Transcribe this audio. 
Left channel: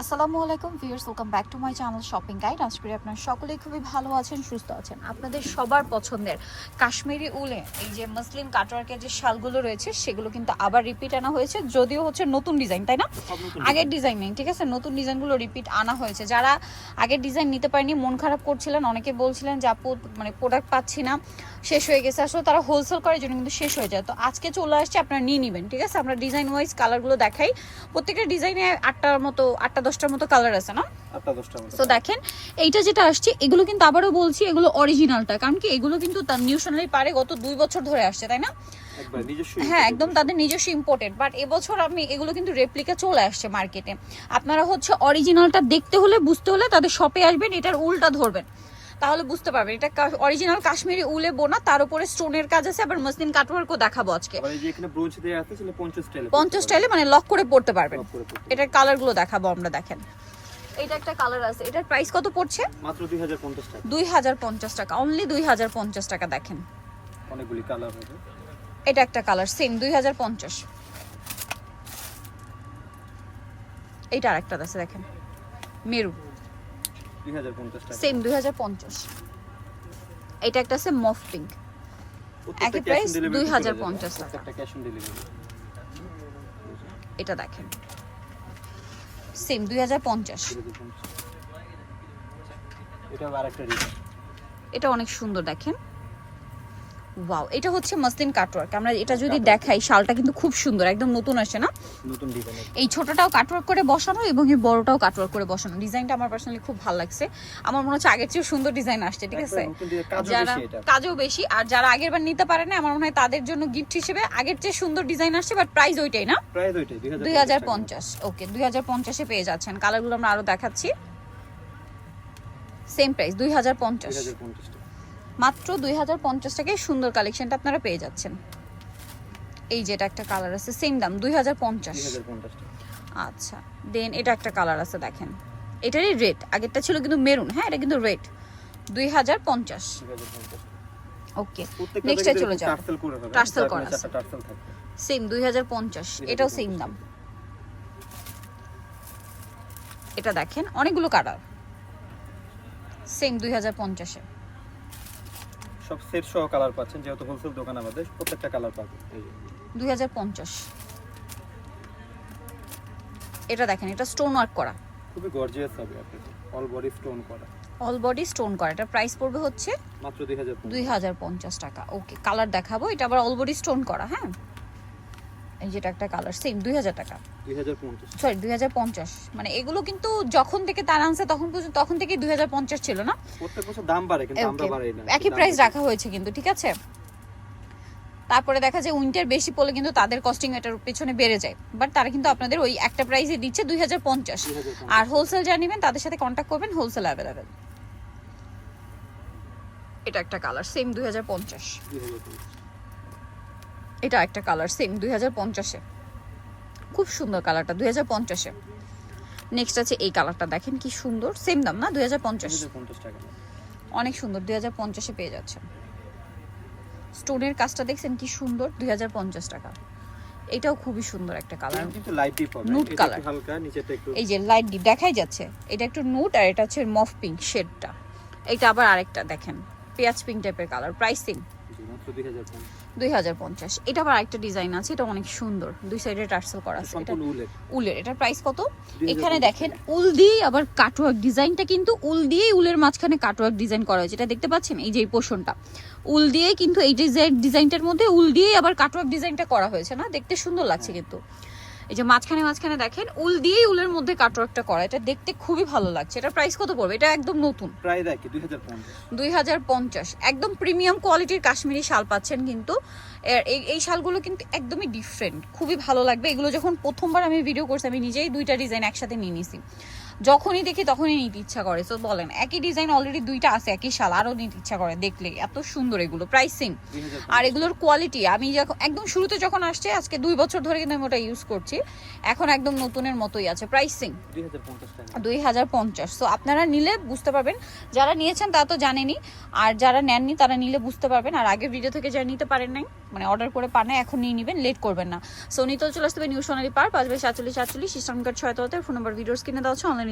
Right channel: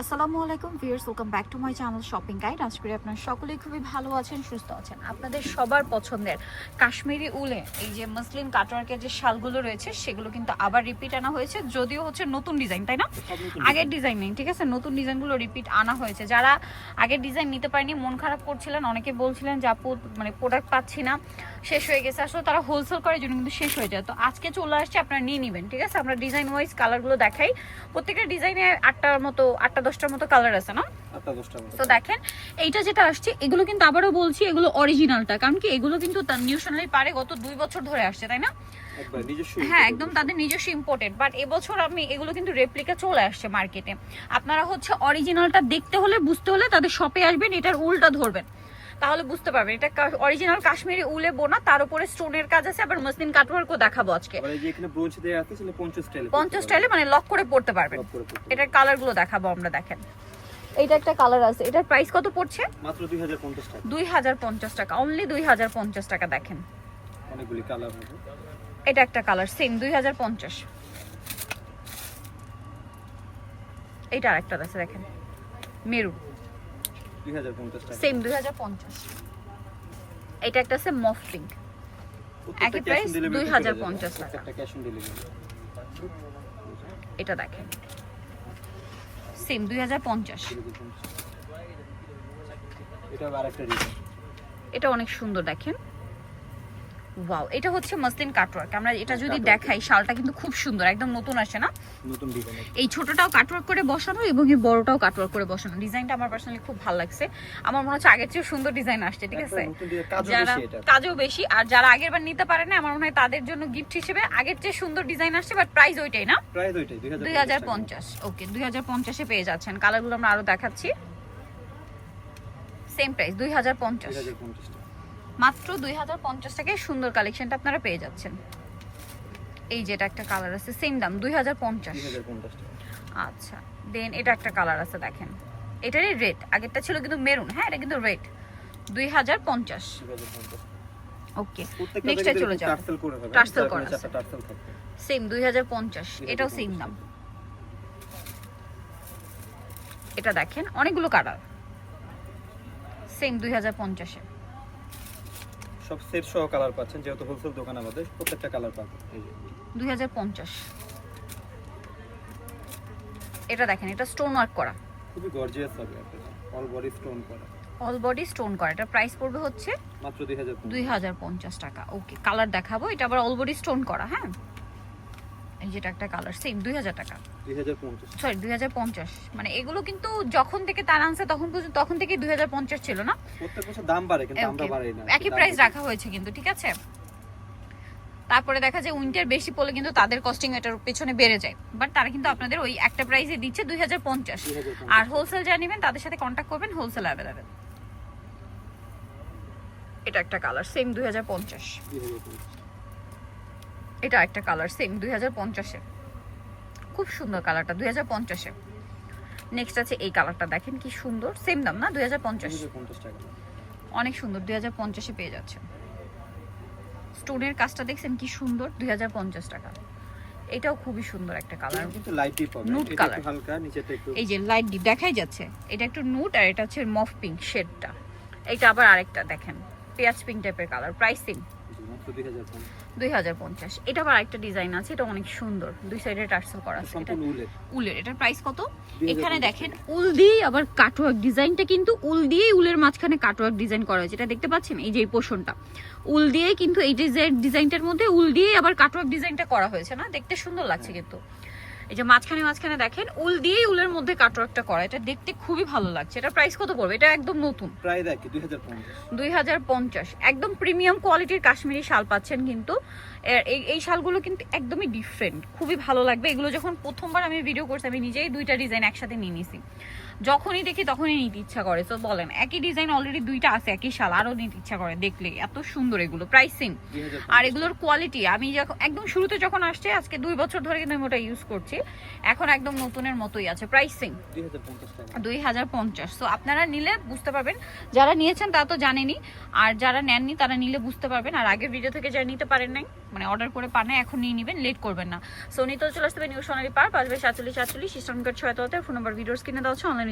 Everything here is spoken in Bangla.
আসসালামু আলাইকুম viewers welcome back to my channel shopping guide. আজ করি আপনারা সকলেই খুবই ভালো আছেন সুস্থ আছেন। আপনাদের সবার পছন্দের কাশ্মীরি উলে এই যে মুসলিম কাটওয়ার্কের যে শালগুলো রয়েছে সেগুলো কিন্তু আবার রিপিট আনা হয়েছে যদিও হচ্ছে নতুন ডিজাইন তাই না? আগের ডিজাইন নেই ঠিক আছে? নতুন ডিজাইনগুলো রিপিট আনা হয়েছে। যারা আগের ডিজাইন নিতে পারেনি মন খারাপ করছিলেন অনেকে বলছিলেন যে আপু মানে প্রোডাক্ট পাচ্ছি না শেষ হয়ে গেছে। আসলে তারা হোলসেল করার জন্য কিন্তু শেষ হয়ে যায়। তো আজকে চলে আসছে আপনারা নিয়ে নেবেন ঠিক আছে? আমরা ডিজাইন ওয়াইজ কালারগুলো দেখাই। প্রত্যেকটা ডিজাইনে আটটার মতো আটটা দশটার মতো কালার আছে না? তো দেখেন এইটা যেটা আসছে এগুলো কিন্তু আবারও বলছি এগুলো অরিজিনালটা কারণ কি এগুলো কিন্তু তার নিউ সোনালি পারে গত দুই বছর ধরে আসছে তাই না? হ্যাঁ একদম তাদের নিজস্ব ইম্পোর্টেড বাট এবছর আমি এগুলো কিন্তু রেপ্লিকা চলে আসছে মার্কেটে আপনারা হচ্ছে অরিজিনালটা দেখতে হলে বুঝতে হলে তাদের শপে আসবেন এটার উল্টা ধরবেন। তাহলে বুঝতে পারবেন। এটা অরিজিনাল কাশ্মীরি উলে বোনা তার উপরে স্টোনের কাজ আছে আবার মসলিন কাটওয়ার্কও দেখাবো আজকে। আছে 50 স্টাইলে মানে লক করে পড়তে পারবেন। এটার কালারগুলো দেখাবো আমরা দেখেন। এইটা একটা কালার আছে। এটার প্রাইস কত পড়ছে? মাত্র 2050 টাকা। দুই হাজার পঞ্চাশ টাকা। অনলি দুই হাজার পঞ্চাশ টাকা দেখেন। অনেকগুলি কালার হবে। এটা একটা কালার সেম দুই হাজার পঞ্চাশ। এইটা আরেকটা আছে দেখেন। মেরু। 2050 টাকা। সেম দুই হাজার পঞ্চাশ। এটা একটা আছে মফ পিঙ্ক একই প্রাইস 2050 টাকা। প্রত্যেকটা ক্যাশ অন ডেলিভারি এটা দেখেন। সেম দুই হাজার পঞ্চাশ। এটা অনেক সুন্দর দেখেন। ওয়াও এটা হচ্ছে মাসলিন কাটওয়ার্ক আমরা এটা যদি দেখাই শালটা কিন্তু খুব সুন্দর একদম নতুন আসে না? নতুন ডিজাইন এই ছোটটাও কাটওয়ার্ক করে বসানো এবং এই বড়টাও কাটওয়ার্ক করে বসানো। ডিজাইনটা আমার পার্সোনালি খুব ভালো লাগছে। আমার মনে হচ্ছে আগের চেয়ে সুন্দর ডিজাইন আসছে ঠিক আছে? যারা কাজও বেশি আর যারা আগের বার নিতে পারে না আমার মনে হয় তাদের জন্য গিফট হিসেবে আগের চেয়ে সুন্দর ডিজাইন আসছে বাট প্রাইস ওইটাই না? প্রায় দুইটাই 2050 দুই হাজার পঞ্চাশ ওকে দুই হাজার পঞ্চাশে পেয়ে যাচ্ছেন। কালারগুলো আমরা আরও দেখাচ্ছি। সেম প্রাইস দুই হাজার পঞ্চাশ। 2050 টাকা। মাত্র দুই হাজার পঞ্চাশ টাকায় সুন্দর কালেকশনটা আপনারা পেয়ে যাচ্ছেন। এই যেটা একটা কালার আছে সেম দাম দুই হাজার পঞ্চাশ। আচ্ছা দেন এটা একটা কালার আছে দেখেন। এটারই রেট আগেরটা ছিল কিন্তু মেরুন হ্যাঁ এটা কিন্তু রেট দুই হাজার পঞ্চাশ। ওকে এ চলে যাও। টার্সেল করে সেম দুই হাজার পঞ্চাশ এটাও সেম দাম। এটা দেখেন অনেকগুলো কালার সেম দুই হাজার পঞ্চাশে। সব সেট সহ কালার পাচ্ছেন যেহেতু হোলসেল দোকান আমাদের প্রত্যেকটা কালার পাবেন। এই যে। দুই হাজার পঞ্চাশ। এটা দেখেন এটা স্টোন ওয়ার্ক করা। খুবই গর্জিয়াস হবে আপনাদের অল বডি স্টোন করা। অল বডি স্টোন করা। এটা প্রাইস পড়বে হচ্ছে মাত্র 2050 দুই হাজার পঞ্চাশ টাকা। ওকে কালার দেখাবো। এটা আবার অল বডি স্টোন করা হ্যাঁ? যেটা একটা কালার সেম দুই হাজার টাকা। সরি দুই হাজার পঞ্চাশ। মানে এগুলো কিন্তু যখন থেকে তার আনছে তখন পর্যন্ত তখন থেকে দুই হাজার পঞ্চাশ ছিল না? প্রত্যেক বছর দাম বাড়ে কিন্তু আমরা বাড়াই না একই প্রাইস রাখা হয়েছে কিন্তু ঠিক আছে? তারপরে দেখা যায় উইন্টার বেশি পড়লে কিন্তু তাদের কস্টিং এটার পেছনে বেড়ে যায়। বাট তারা কিন্তু আপনাদের ওই একটা প্রাইসে দিচ্ছে দুই হাজার পঞ্চাশ। আর হোলসেল যা নেবেন তাদের সাথে কন্ট্যাক্ট করবেন হোলসেল অ্যাভেলেবেল এটা একটা কালার সেম দুই হাজার পঞ্চাশ। 2050 এটা একটা কালার সেম দুই হাজার পঞ্চাশে। খুব সুন্দর কালারটা দুই হাজার পঞ্চাশে। নেক্সট আছে এই কালারটা দেখেন কি সুন্দর সেম দাম না দুই হাজার পঞ্চাশ? 2050 টাকা দাম। অনেক সুন্দর দুই হাজার পঞ্চাশে পেয়ে যাচ্ছে স্টোনের কাজটা দেখছেন কি সুন্দর দুই হাজার পঞ্চাশ টাকা। এটাও খুবই সুন্দর একটা কালার কিন্তু লাইট ডিপ হবে color। একটু হালকা নিচেটা একটু এই যে লাইট ডিপ দেখাই যাচ্ছে এটা একটু নুট আর এটা হচ্ছে মফ পিঙ্ক শেডটা এটা আবার আরেকটা দেখেন পেঁয়াজ পিঙ্ক টাইপের কালার প্রাইস সেম জি, মাত্র 2050 দুই হাজার পঞ্চাশ। এটা আবার একটা ডিজাইন আছে এটা অনেক সুন্দর। দুই সাইডে টার্সেল করা আছে। এটা উলের। এটা প্রাইস কত? এখানে দেখেন উল দিয়ে আবার কাটওয়ার্ক ডিজাইনটা কিন্তু উল দিয়েই উলের মাঝখানে কাটওয়ার্ক ডিজাইন করা হয়েছে। এটা দেখতে পাচ্ছেন? এই যে এই পোর্শনটা উল দিয়ে কিন্তু এই ডিজাইন ডিজাইনটার মধ্যে উল দিয়েই আবার কাটওয়ার্ক ডিজাইনটা করা হয়েছে না? দেখতে সুন্দর লাগছে কিন্তু। এই যে মাঝখানে মাঝখানে দেখেন উল দিয়েই উলের মধ্যে কাটওয়ার্কটা করা এটা দেখতে খুবই ভালো লাগছে। এটা প্রাইস কত পড়বে? এটা একদম নতুন। প্রায় দেখি 2050 দুই হাজার পঞ্চাশ। একদম প্রিমিয়াম কোয়ালিটির কাশ্মীরি শাল পাচ্ছেন কিন্তু। এই এই শালগুলো কিন্তু একদমই ডিফারেন্ট খুবই ভালো লাগবে। এগুলো যখন প্রথমবার আমি ভিডিও করছি আমি নিজেই দুইটা ডিজাইন একসাথে নিয়ে নিছি। যখনই দেখি তখনই নিতে ইচ্ছা করে। সো বলেন, একই ডিজাইন অলরেডি দুইটা আছে, একই শাল, আরও নিতে ইচ্ছা করে দেখলে। এত সুন্দর এগুলো প্রাইসিং আর এগুলোর কোয়ালিটি আমি যখন একদম শুরুতে যখন আসছে, আজকে দুই বছর ধরে কিন্তু আমি ওটা ইউজ করছি, এখন একদম নতুনের মতোই আছে প্রাইসিং দুই হাজার পঞ্চাশ। সো আপনারা নিলে বুঝতে পারবেন, যারা নিয়েছেন তা তো জানেনি আর যারা নেননি তারা নিলে বুঝতে পারবেন, আর আগের ভিডিও থেকে যারা নিতে পারেন নাই মানে অর্ডার করে পান না এখন নিয়ে নেবেন লেট করবেন না। সো নিতেও চলে আসতে হবে নিউ সোনালি পার্ক পাঁচ বাই সাতচল্লিশ সাতচল্লিশ ইসলামকার ছয় তোলাতে ফোন নম্বর ভিডিওস কিনে দেওয়া হচ্ছে অনলাইনে